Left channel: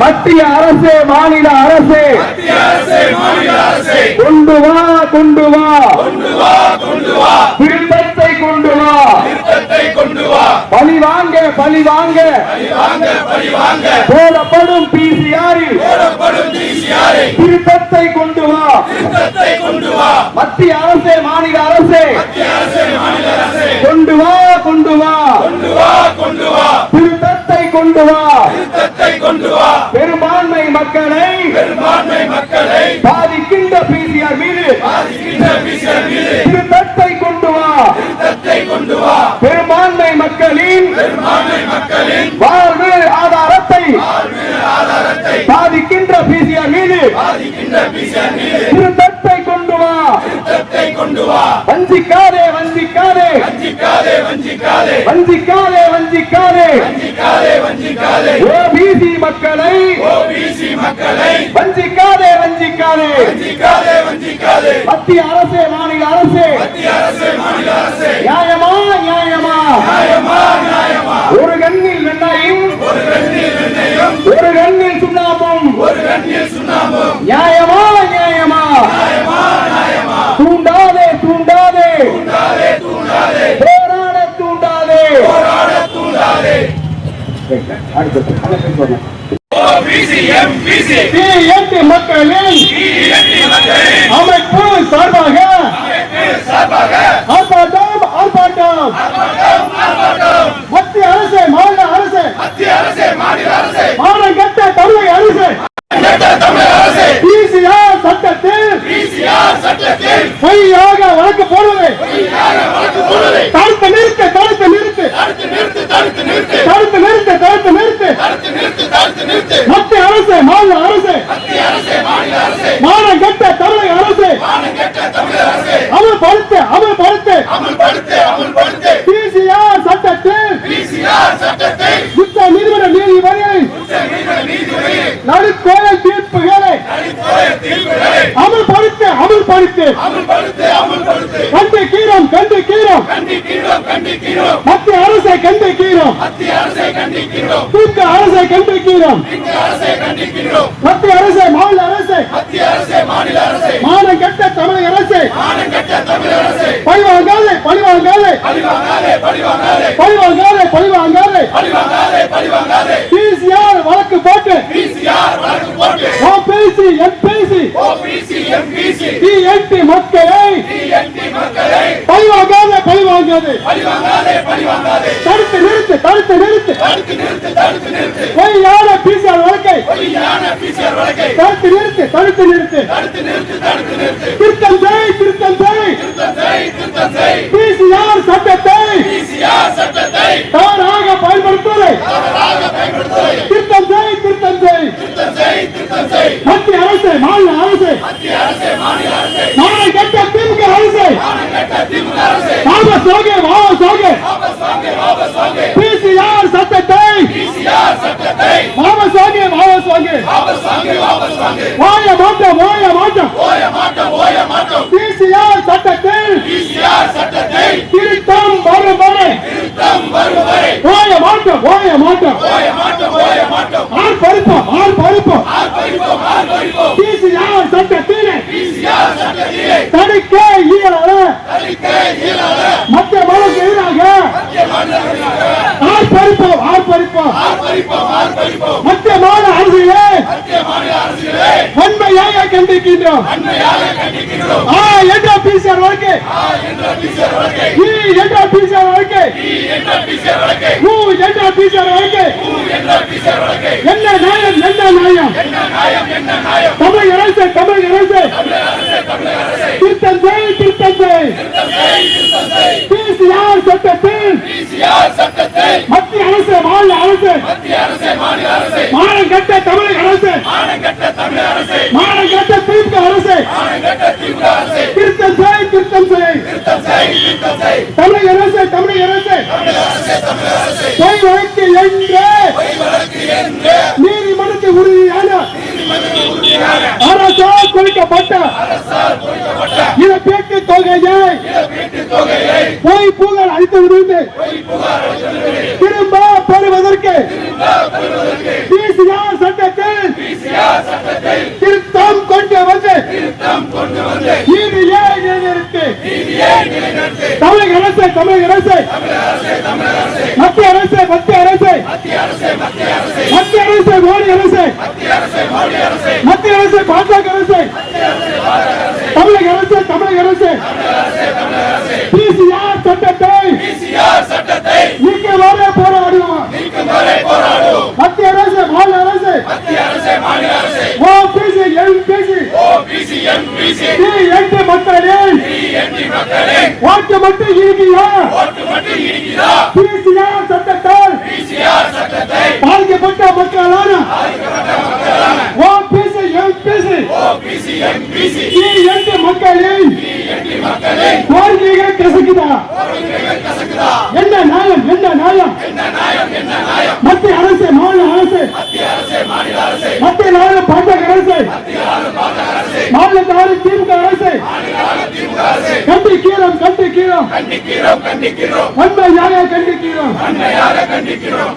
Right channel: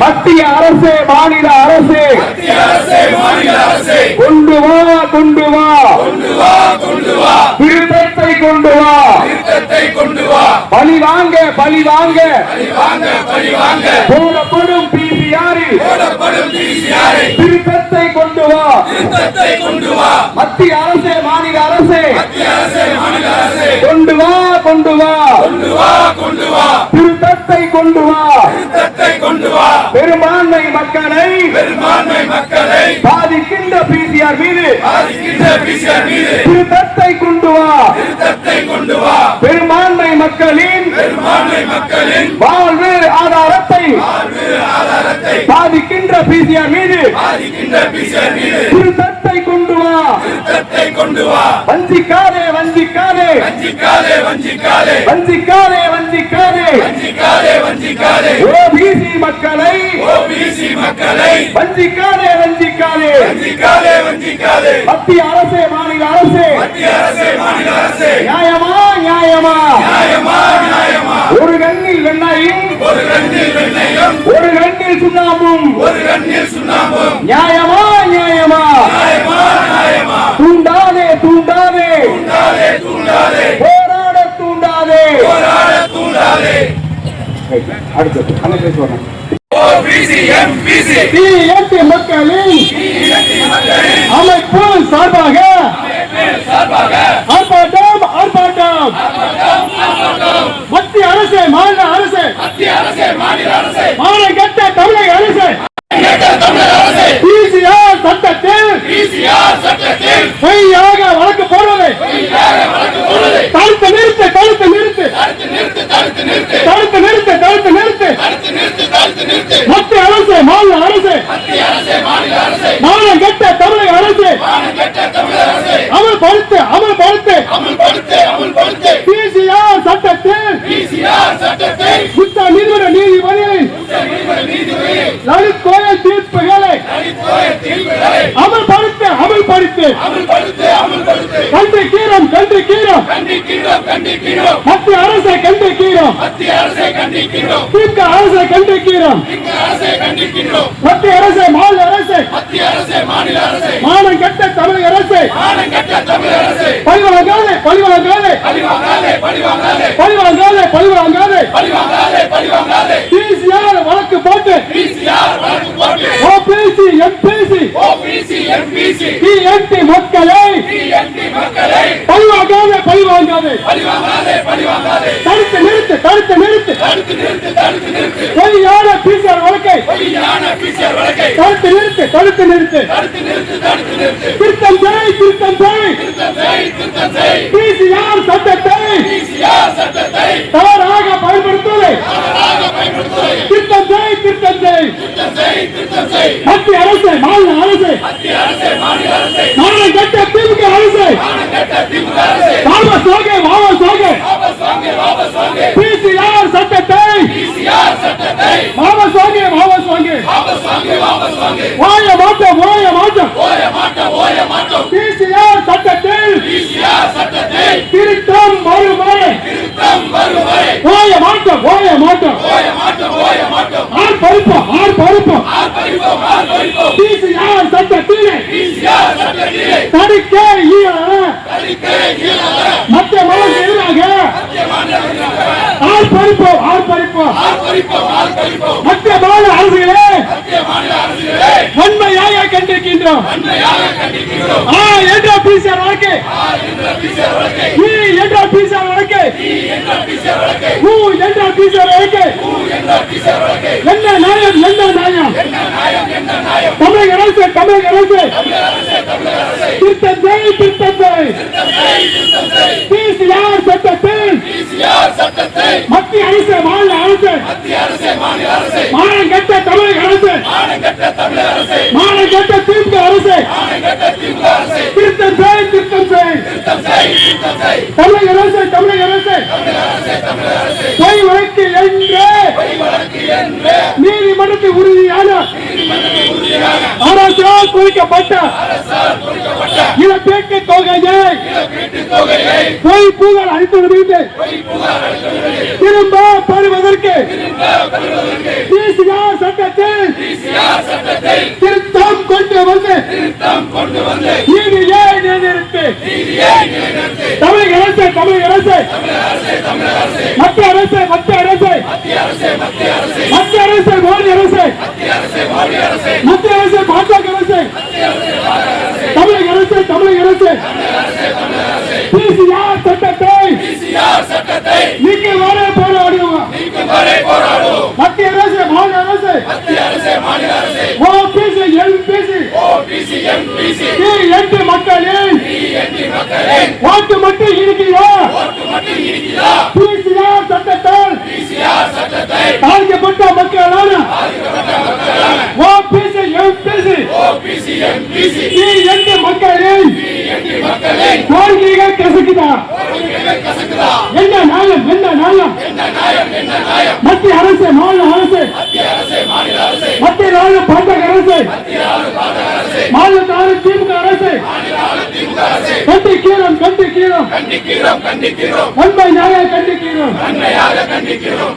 மத்திய அரசு மாநில அரசு. கொண்டு வா கொண்டு வா. திருத்தத்தை கொண்டு வா. பழி வாங்க பழி வாங்க. போடப்படும் பிசிஆரில். திருத்தத்தை கொண்டு வா. மத்திய அரசு மாநில அரசு. கொண்டு வா கொண்டு வா திருத்தத்தை கொண்டு வா பெரும்பான்மை மக்களை பாதிக்கின்ற பிசிஆர் மீது திருத்தத்தை கொண்டு வா. பெரும்பான்மை மக்களின் வாழ்வு ஆதாரத்தை பாதிக்கின்ற பிசிஆர் மீது திருத்தத்தை கொண்டு வா. வஞ்சிக்காதே வஞ்சிக்காதே. வஞ்சிக்காதே வஞ்சிக்காதே. ஓபிசி மக்களை. வஞ்சிக்காதே வஞ்சிக்காதே. மத்திய அரசு மாநில அரசு. நியாயமா நியாயமா? ஒரு கண்ணில் வெள்ளாயும் ஒரு கண்ணில் சுண்ணாம்பும். நியாயமா நியாயமா? தூண்டாதே தூண்டாதே. போராட தூண்டாதே. அடுத்தது டிஎன்டி மக்களின் அமைப்பு சார்பாக ஆர்ப்பாட்டம் ஆர்ப்பாட்டம் மத்திய அரசு மாநில அரசு மாநில கட்ட தமிழக அரசு பிசிஆர் சட்டத்தில் பொய்யாக வழக்கு போடுவதை தடுத்து நிறுத்து தடுத்து நிறுத்து தடுத்து நிறுத்து தடுத்து நிறுத்து மத்திய அரசு மாநில அரசு மாநிலம் கட்ட தமிழக அரசு அமல்படுத்து அமல்படுத்து பிசிஆர் சட்டத்தில் குற்ற நீதிமன்ற நீதிபதி லலித் கோயல் தீர்ப்புகளை அமல்படுத்து அமல்படுத்து. கண்டு கீரம் கண்டு கீரம் மத்திய அரசை கண்டு கீரம் தீர்க்க அரசை கண்டு கீரம் மத்திய அரசு மாநில அரசு மானம் கட்ட தமிழக அரசு. பழிவாங்காதே பழிவாங்காதே. பழிவாங்காதே பழிவாங்காதே. பிசிஆர் வழக்கு போட்டு. OBC MBC. டிஎன்டி மக்களை. பழிவாங்காதே பழிவாங்காதே. தடுத்து நிறுத்து தடுத்து நிறுத்து. பொய்யான பிசிஆர் வழக்கை தடுத்து நிறுத்து தடுத்து நிறுத்து. திருத்தம் செய் திருத்தம் செய். பிசிஆர் சட்டத்தை தவறாக பயன்படுத்துவதை திருத்தம் செய் திருத்தம் செய். மத்திய அரசு மாநில அரசு. மாநில கட்ட திமுக அரசு வாபஸ் வாங்க பிசிஆர் சட்டத்தை வாபஸ் வாங்க வாபஸ் வாங்க வாய மாட்டோம் வாய மாட்டோம் பிசிஆர் சட்டத்தில் திருத்தம் வருவரை வாய மாட்டோம் வாய மாட்டோம் ஆர் பருப்போம் ஆர் பருப்போம் பிசிஆர் சட்டத்தில் தடுக்க இயலாத மத்திய மாநில எதிராக ஆர் பருப்போம் மாநில அரசியலே வன்மையாக கண்டிக்கின்றோம். ஆ என்ற பிசிஆர் வழக்கு. ஈ என்ற பிசிஆர் வழக்கு. ஊ என்ற பிசிஆர் வழக்கு. என்ன தமிழக அரசு தமிழக அரசு. திருத்தம் செய் திருத்தம் செய் பிசிஆர் சட்டத்தில் மத்திய அரசு மாநில அரசு. மாநில கட்ட தமிழக அரசு. மாநில கட்ட திமுக அரசு. திருத்தம் செய் திருத்தம் செய் தமிழக அரசு தமிழக அரசு. பொய் வழக்கில் அளித்து வருகின்றேன் திரும்ப பெறுவதற்கு பிசிஆர் சட்டத்தில் திருத்தம் கொண்டு வந்து இது ஏன் நிலைநிறுத்து தமிழக அரசு தமிழக அரசு மத்திய அரசு மத்திய அரசு மத்திய அரசு மோடி அரசு மத்திய அரசு எட்டு மக்களின் ஓட்டு மட்டும் இருக்கிறா பிசிஆர் சட்டத்தால் பாதிக்கப்பட்ட மக்களான ஓபிசி எம்பிசி எட்டு மக்களின் கோரிக்கைகள் கசக்குதா? எந்த நியாயம்? எந்த நியாயம்? மத்திய அரசு மாநில அரசு. மத்திய நாடு பாஜக அரசு ஆளுநர் திமுக அரசு கண்டிக்கிறோம் கண்டிக்கிறோம் கண்டிக்கிறோம் கண்டிக்கிறோம் உண்மையாக கண்டிக்கிறோம் அன்னையாக கண்டிக்கிறோம்?